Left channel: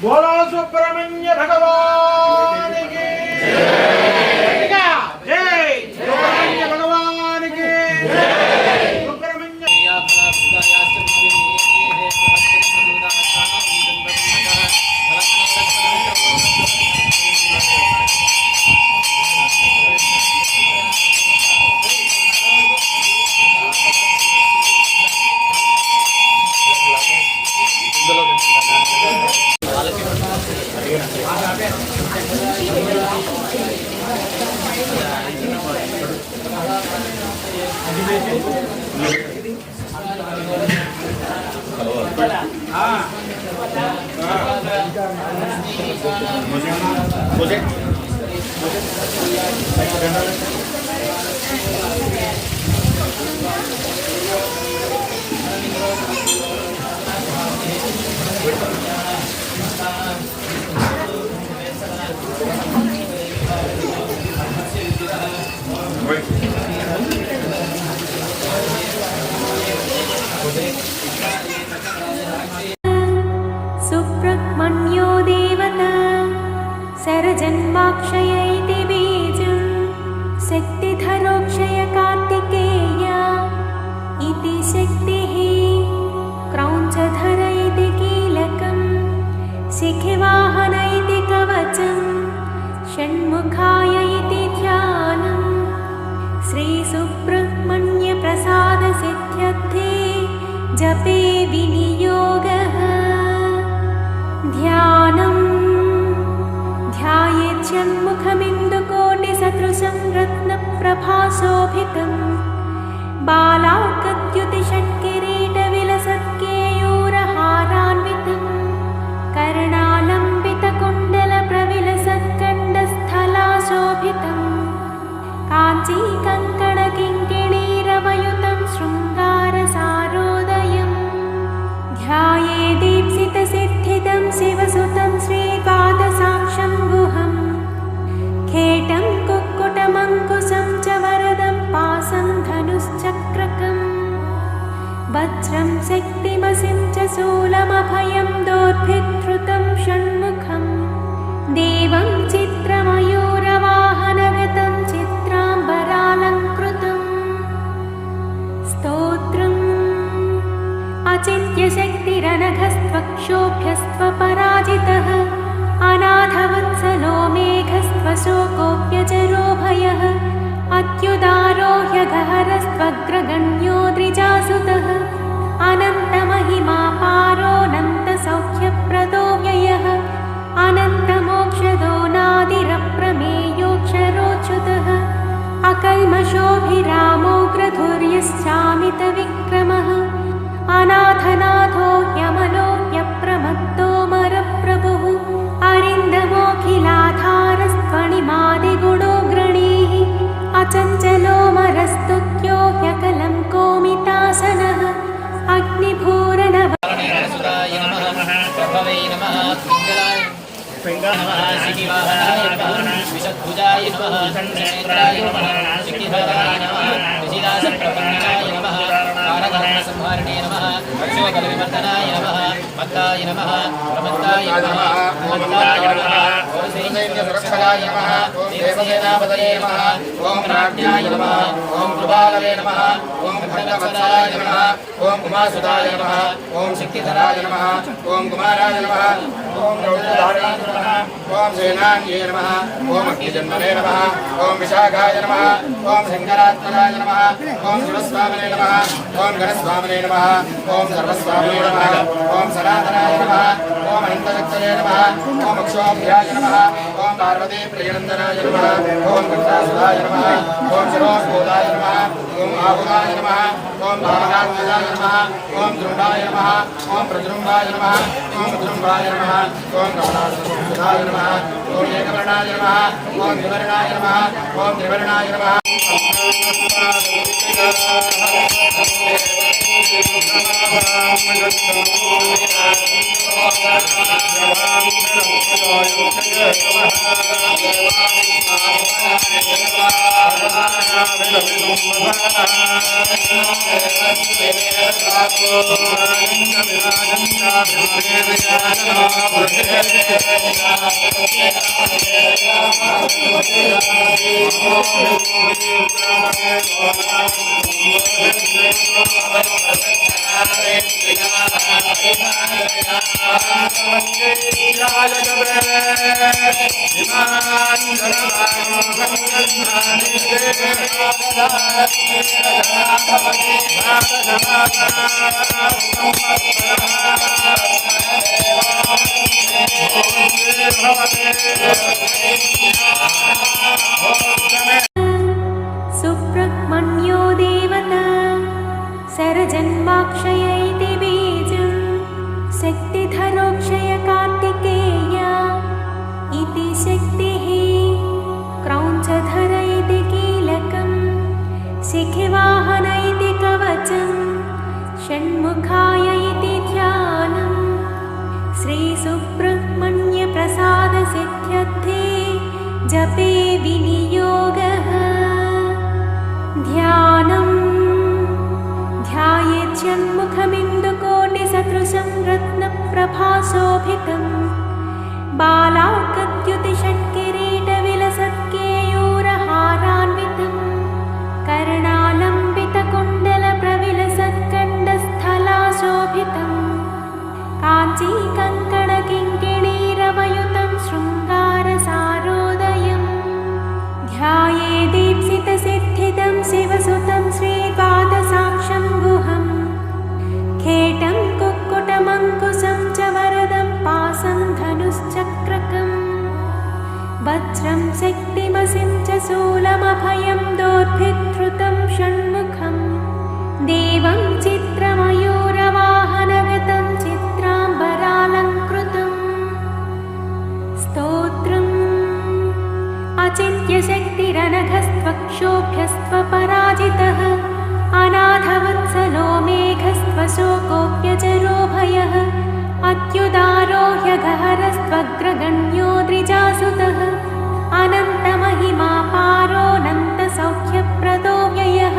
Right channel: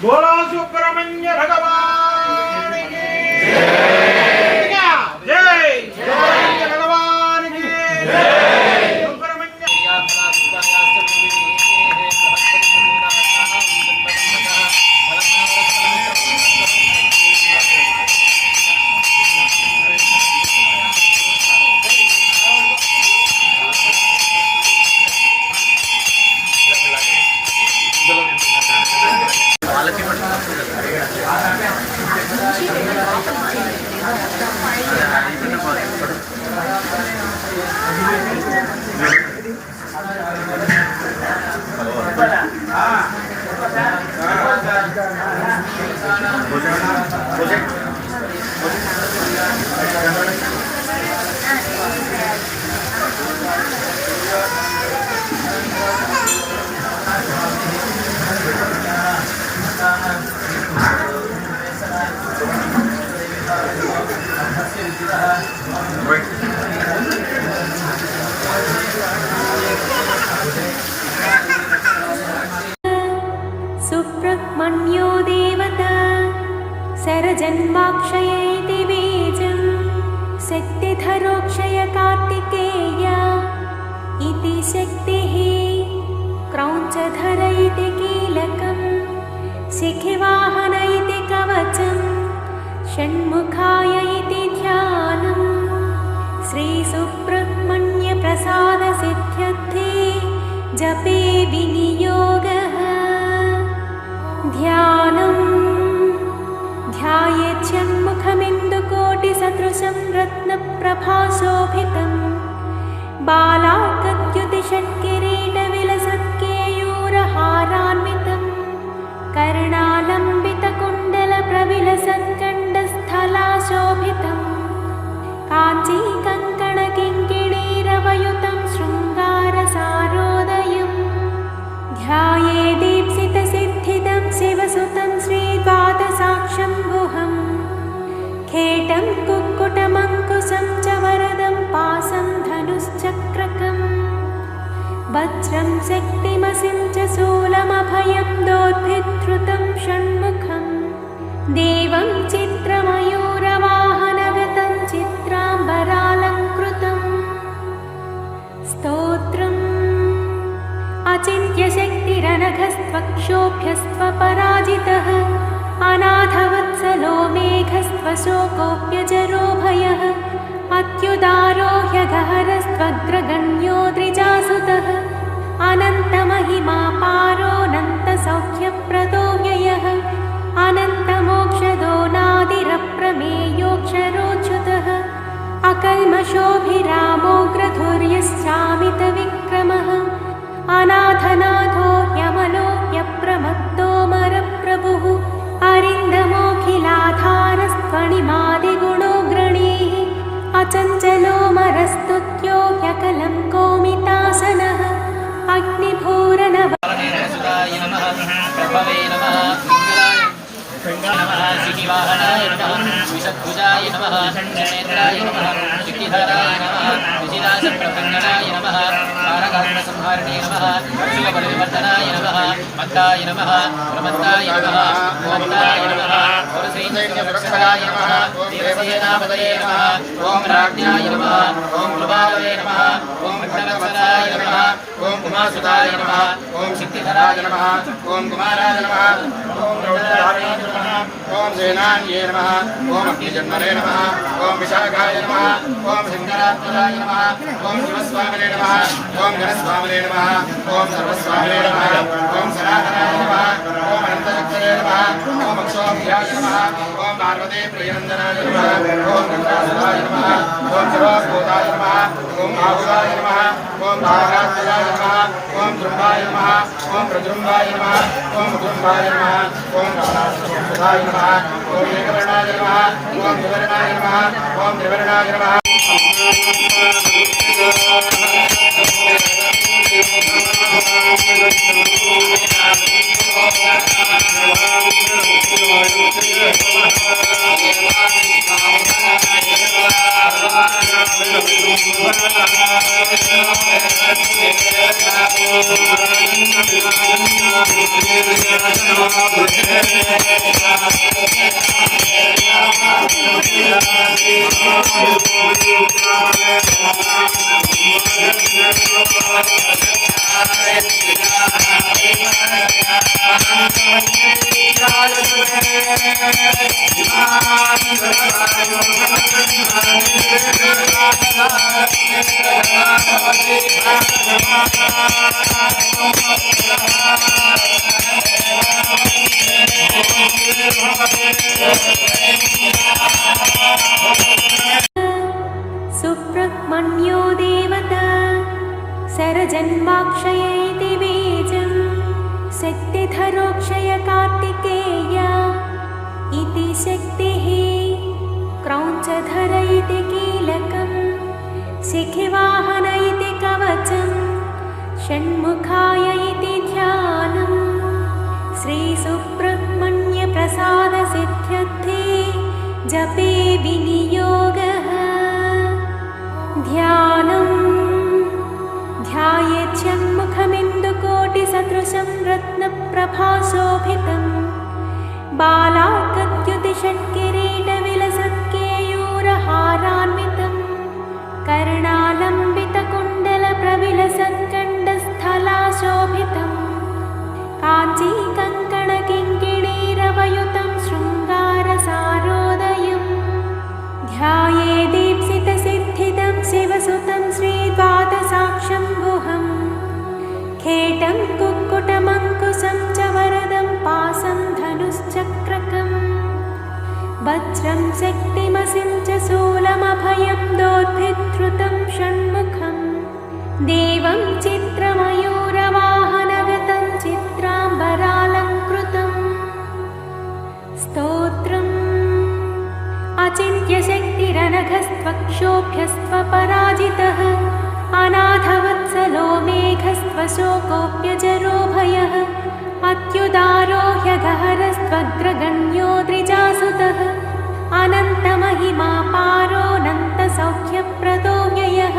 बोलो सुब्रह्मण्य भगवान की जय। सुब्रह्मण्य भगवान की सुब्रह्मण्यो देवता सरजन्माक्षय इति बीजं शक्तिधरोक्षय कार्तिकेय इति शक्तिः क्रौञ्चधर इति कीलकं शिखिवाहन इति कवचं षण्मुखाय इति ध्यानं श्रीसुब्रह्मण्यप्रसादसिद्ध्यर्थे जपे विनियोगः। ध्यानं ध्यायेत् षण्मुखमिन्दुकोटिसदृशं रत्नप्रभाशोभितं बालार्कद्युतिषट्किरीटविलसत्केयूरहारान्वितं कर्णालम्बितकुण्डलप्रविलसत्कण्डस्थलाशोभितं काञ्चीकङ्कणकिङ्किणीरवयुतं शृङ्गारसारोदयम् ध्यायेदीप्सितसिद्धिदं शिवसुतं श्रीद्वादशाक्षम्भुहं खेटं कुक्कुटमङ्कुशं च वरदं पासं धनुश्चक्रकं वज्रं शक्तिमसिं च शूलमभयं दोर्भिद्धृतं षण्मुखं देवं चित्रमयूरवाहनगतं चित्राम्बरालङ्कृतं स्तोत्रम् अचिन्त्यशक्तिरनघस्त्वक्षोभ्यस्त्वपराजितः अनाथवत्सलो मेघस्त्वशोकोऽप्यजरो भयः अत्युदारो ह्यगहरस्त्वग्रगण्यो द्विजासुतः अनन्तमहिमापारोऽनन्तसौख्यप्रदो व्ययः अनन्तमोक्षदो नादिरप्रमेयोऽक्षरोच्युतः अकल्मषोऽभिरामोऽग्रधुर्यश्चामितविक्रमः अनाथनाथो ह्यमलो ह्यप्रमत्तोऽमरप्रभुः अरिन्दमोऽखिलाधारस्त्वणिमादिगुणोऽग्रणीः अचञ्चलोऽमरस्तुत्यो ह्यकलं कोमितासनः अग्निभूरनव श्रीवाहनाय नमः विषद्भुजाय नमः नेत्राय नमः शक्तिधराय नमः विजिदासप्रपन्नाय नमः तारकर्णसंहारिणे नमः अक्षोबलविवर्धनाय नमः मत्ताय नमः प्रमत्ताय नमः मत्ताय नमः पुरुषैन्यसुरक्षराय नमः देवसेनापतये नमः ॐ राज्ञाय नमः ॐ कृपालवे नमः ॐ भक्तवत्सलाय नमः ॐ उमासुताय नमः ॐ शक्तिधराय नमः ॐ कुमाराय नमः ॐ रौद्रधाराय नमः ॐ सेनान्ये नमः ॐ अग्निजन्मने नमः ॐ विशाखाय नमः ॐ शङ्करात्मजाय नमः ॐ शिवस्वामिने नमः ॐ गणस्वामिने नमः ॐ सर्वस्वामिने नमः ॐ सनातनाय नमः ॐ अनन्तशक्तये नमः ॐ अक्षोभ्याय नमः ॐ पार्वती प्रियनन्दनाय नमः ॐ गण्डासुराय नमः ॐ शिरोस्फोटाय नमः ॐ आहुराय नमः ॐ धारात्मजाय नमः ॐ द्रुम्भाय नमः ॐ प्रद्रुम्भाय नमः ॐ मधुम्भाय नमः ॐ गणासुराय नमः ॐ एकवर्णाय नमः ॐ द्विवर्णाय नमः ॐ त्रिवर्णाय नमः सुब्रह्मण्यो देवता सरजन्माक्षय इति बीजं शक्तिधरोक्षय कार्तिकेय इति शक्तिः क्रौञ्चधर इति कीलकं शिखिवाहन इति कवचं षण्मुखाय इति ध्यानं श्रीसुब्रह्मण्यप्रसादसिद्ध्यर्थे जपे विनियोगः ध्यानं ध्यायेच्छन्मुखमिन्दुकोटिसदृशं रत्नप्रभाशोभितं बालार्कद्युतिषट्किरीटविलसत्केयूरहारान्वितं कर्णालम्बितकुण्डलप्रविलसत्कण्डस्थलाशोभितं काञ्चीकङ्कणकिङ्किणीरवयुतं शृङ्गारसारोदयम् ध्याये दीप्सितसिद्धिदं शिवसुतं श्रीद्वादशाक्षं गुहं खेटं कुक्कुटमङ्कुशं च वरदं पासं धनुश्चक्रकं वज्रं शक्तिमसिं च शूलमभयं दोर्भिद्धृतं षण्मुखं देवं चित्रमयूरवाहनगतं चित्राम्बरालङ्कृतम् स्तोत्रम् अचिन्त्यशक्तिरनघस्त्वक्षोभ्यस्त्वपराजितः अनाथवत्सलो मेघस्त्वशोकोऽप्यजरो भयः अत्युदारो ह्यगहरस्त्वग्रगण्यो द्विजासुतः अनन्तमहिमापारोऽनन्तसौख्यप्रदो व्ययः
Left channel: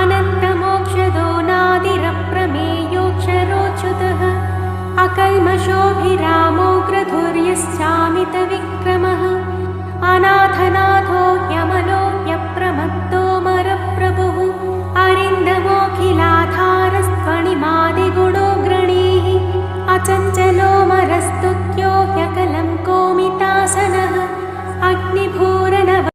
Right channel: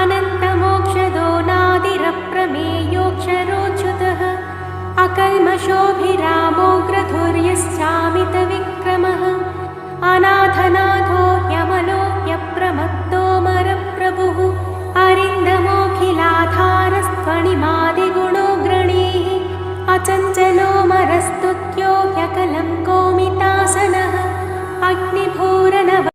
अनन्तमोक्षदो नादिरप्रमेयोऽक्षरोच्युतः अकल्मषोऽभिरामोऽग्रधुर्यश्चामितविक्रमः अनाथनाथो ह्यमलो ह्यप्रमत्तोऽमरप्रभुः अरिन्दमोऽखिलाधारस्त्वणिमादिगुणोऽग्रणीः अचञ्चलोऽमरस्तुत्यो ह्यकलं कोमितासनः अग्निभूरनव